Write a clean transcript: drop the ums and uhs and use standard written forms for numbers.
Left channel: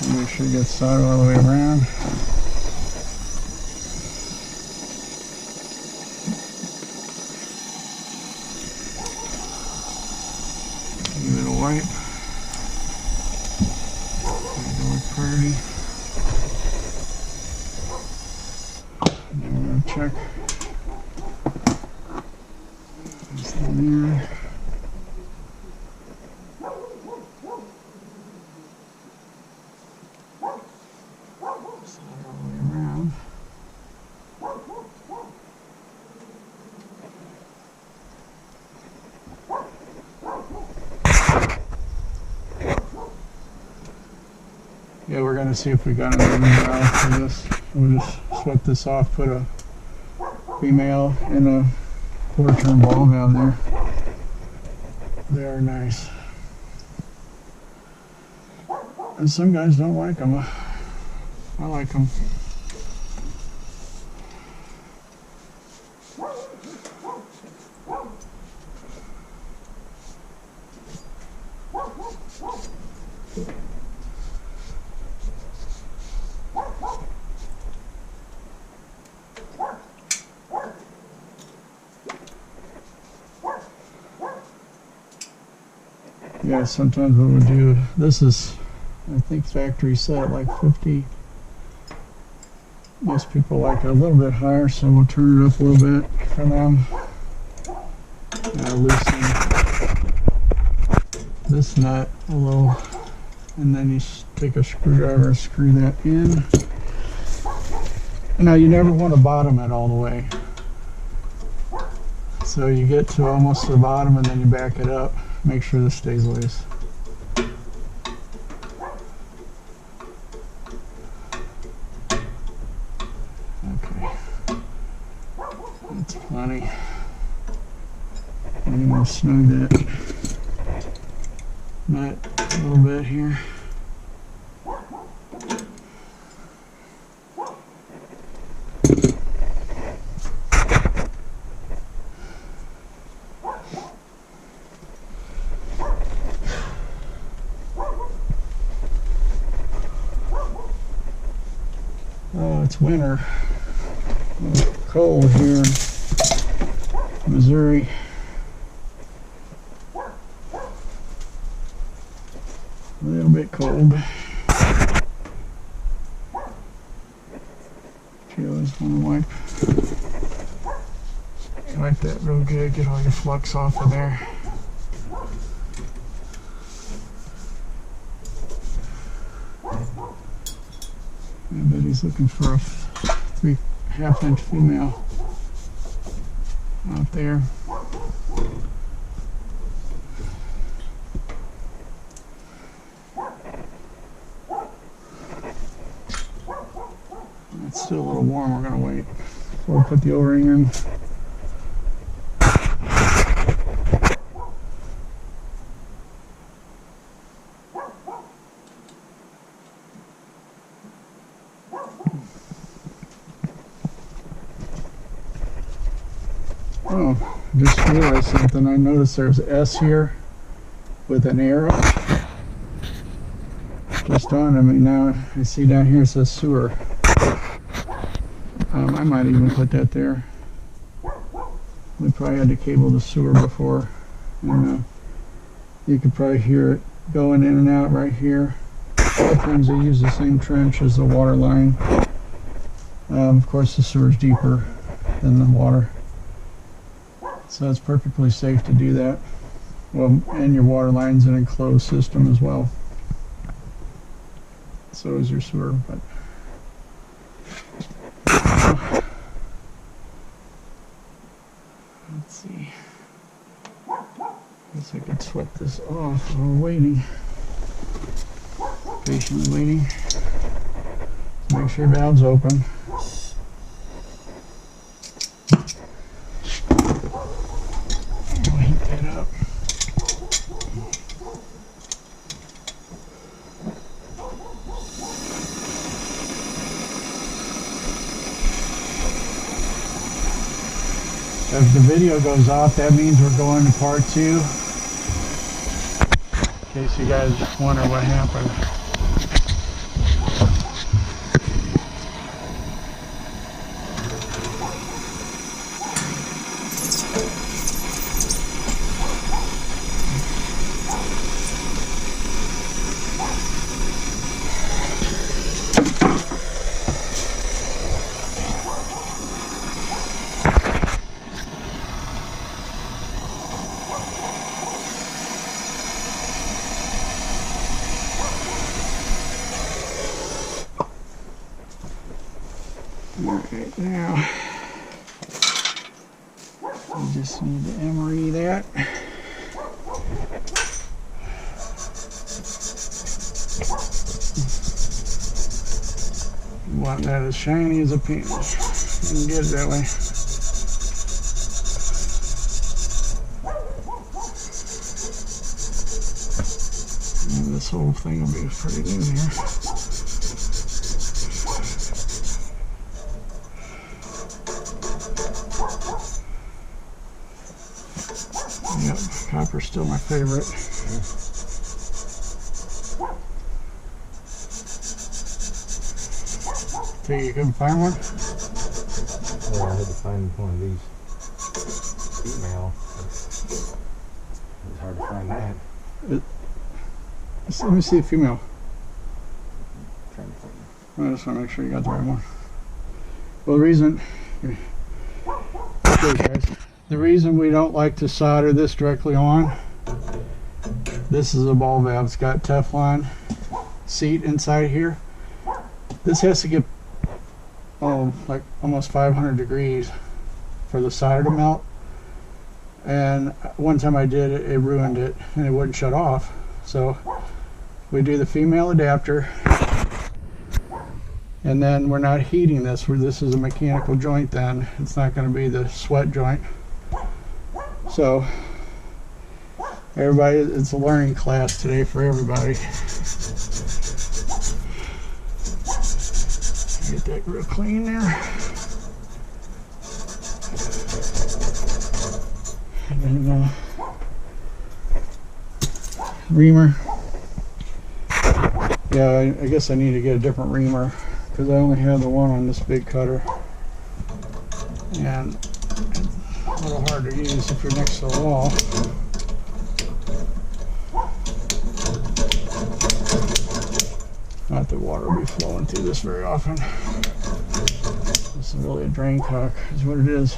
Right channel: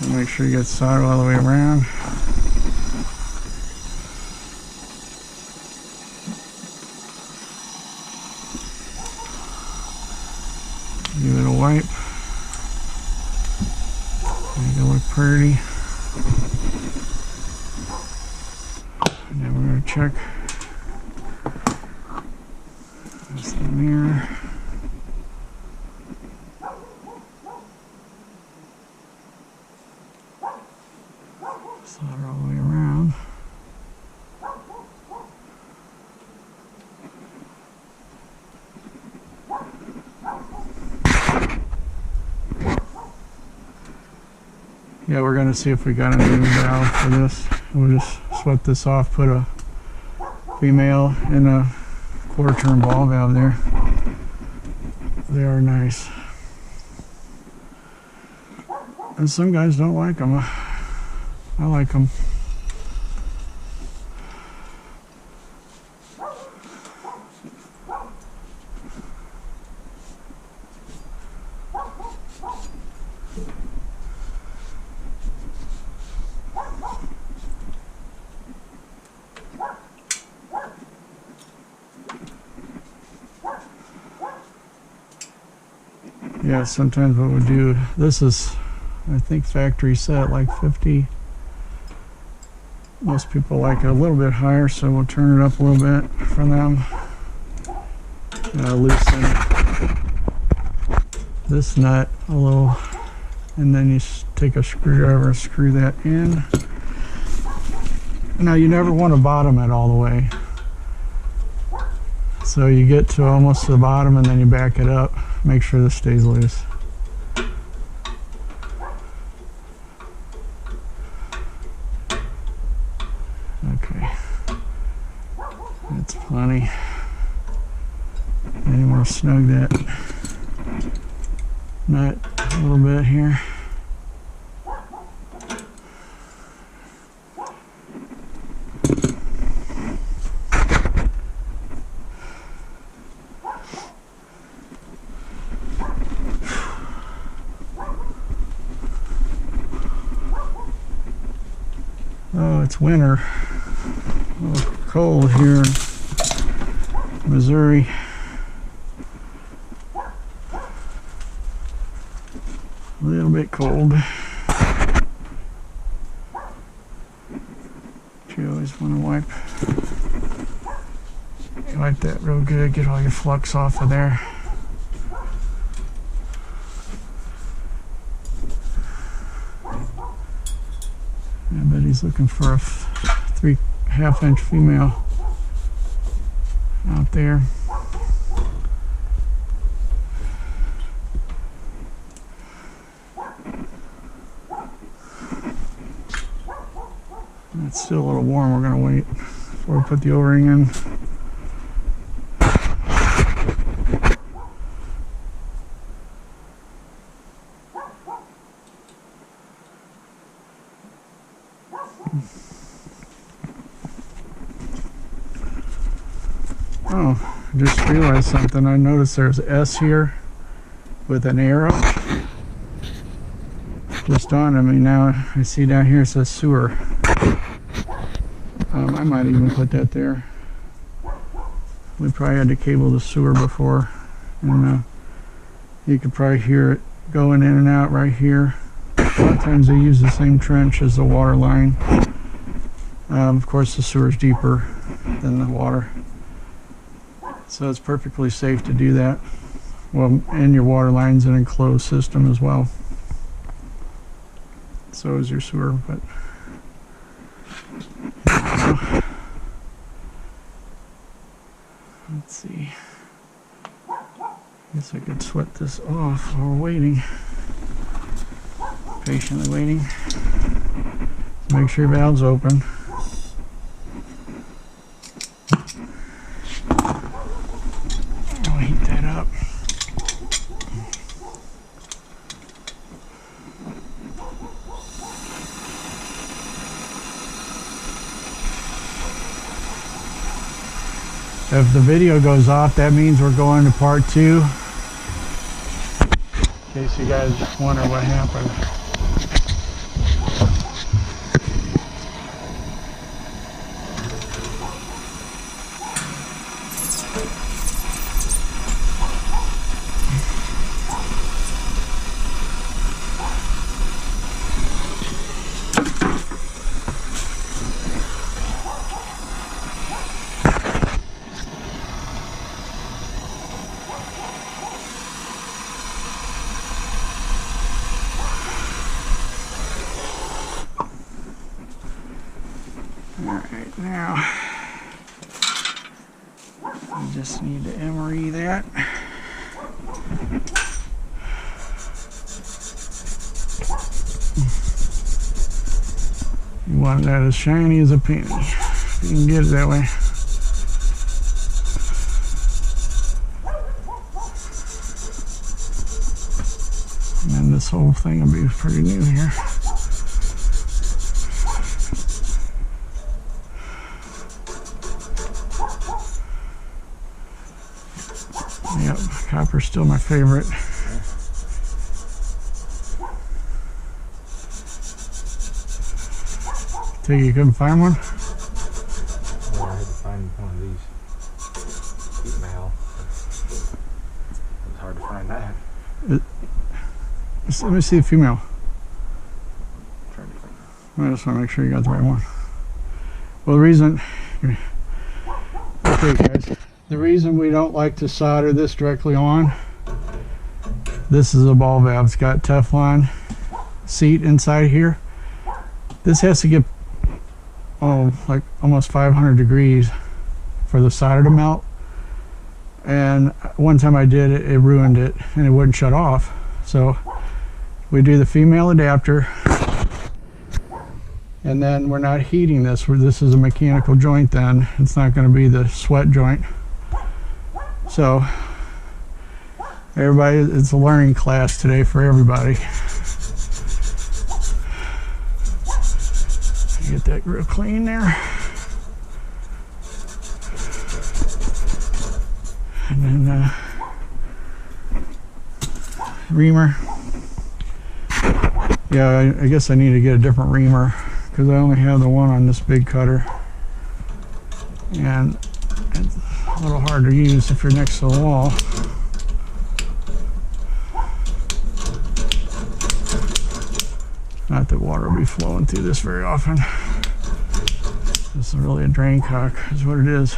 So make sure you get solder all the way around. Give it a wipe. Make it look pretty. And then we're going to check this in the mirror. Solder all the way around. Yeah, we're going to see if we got a new valve for this. We'll just sweat this off, put a female and a quarter-turn ball valve there. They are nice. And some guys don't like them. I like them. Yeah, sometimes what we do, this is, I think, factory set like 50. Most people like it a little bit higher, so we'll turn it up a little bit for them. Loosen this nut a little, and then you take a screwdriver and screw that in. Now you never want to bottom it all the way. So you get to almost the bottom and then you back it up. Make sure this stays loose. Okay, that's plenty. Maybe we'll snug that nut a little bit here. Oh, it's winter. A little cold here in Missouri. A little bit cold. You always want to wipe that real good, get all your flux off of there. Yeah, but he's looking for a 3.5 inch female out there. It's still a little warm. We're going to wait before we put the O-ring in. Oh, I just realized something. I noticed there's an S here with an arrow just on me. Now I see down here it says sewer. I might even put that there. We probably had to cable the sewer before, and you could probably hear it going in and out right here. A lot of times they use the same trench as the water line. Of course the sewer's deeper than the water, so it's perfectly safe to do that. Well, and your water line's an enclosed system as well. So is your sewer, but let's see. I guess I could sweat this off while we're waiting. Patiently waiting. Make sure your valve's open. I'll heat that up. If the video goes off, that means we're going to part 2. In case you guys wonder what happened. Alright, now we just need to emery that. You want that as shiny as a penny. You can get it that way. And this whole thing will be pretty new here. Yep, copper's still my favorite. Think you couldn't find one? Well, I had to find one of these female. It was hard to find that. Let me see the female. I'm trying to find it. I just want to make sure you got the right one. Well, the reason... Okay, guys. The reason we don't like to solder this directly on, this is a ball valve. It's got Teflon seat inside here. This has to get, like almost 500 degrees for the solder to melt. And one time I did it, it ruined it and it wouldn't shut off. So we do the female adapter, and then we're not heating this. This is a mechanical joint then. It's not going to be the sweat joint. So everybody, it's a learning class today for everybody. Get that real clean there. And then reamer. Yeah, I guess I need to get a different reamer because I only have the one on this big cutter. And it's a little hard to use if you're next to the wall. Not that water will be flowing through this very often. This is really a drain cock, is what it is.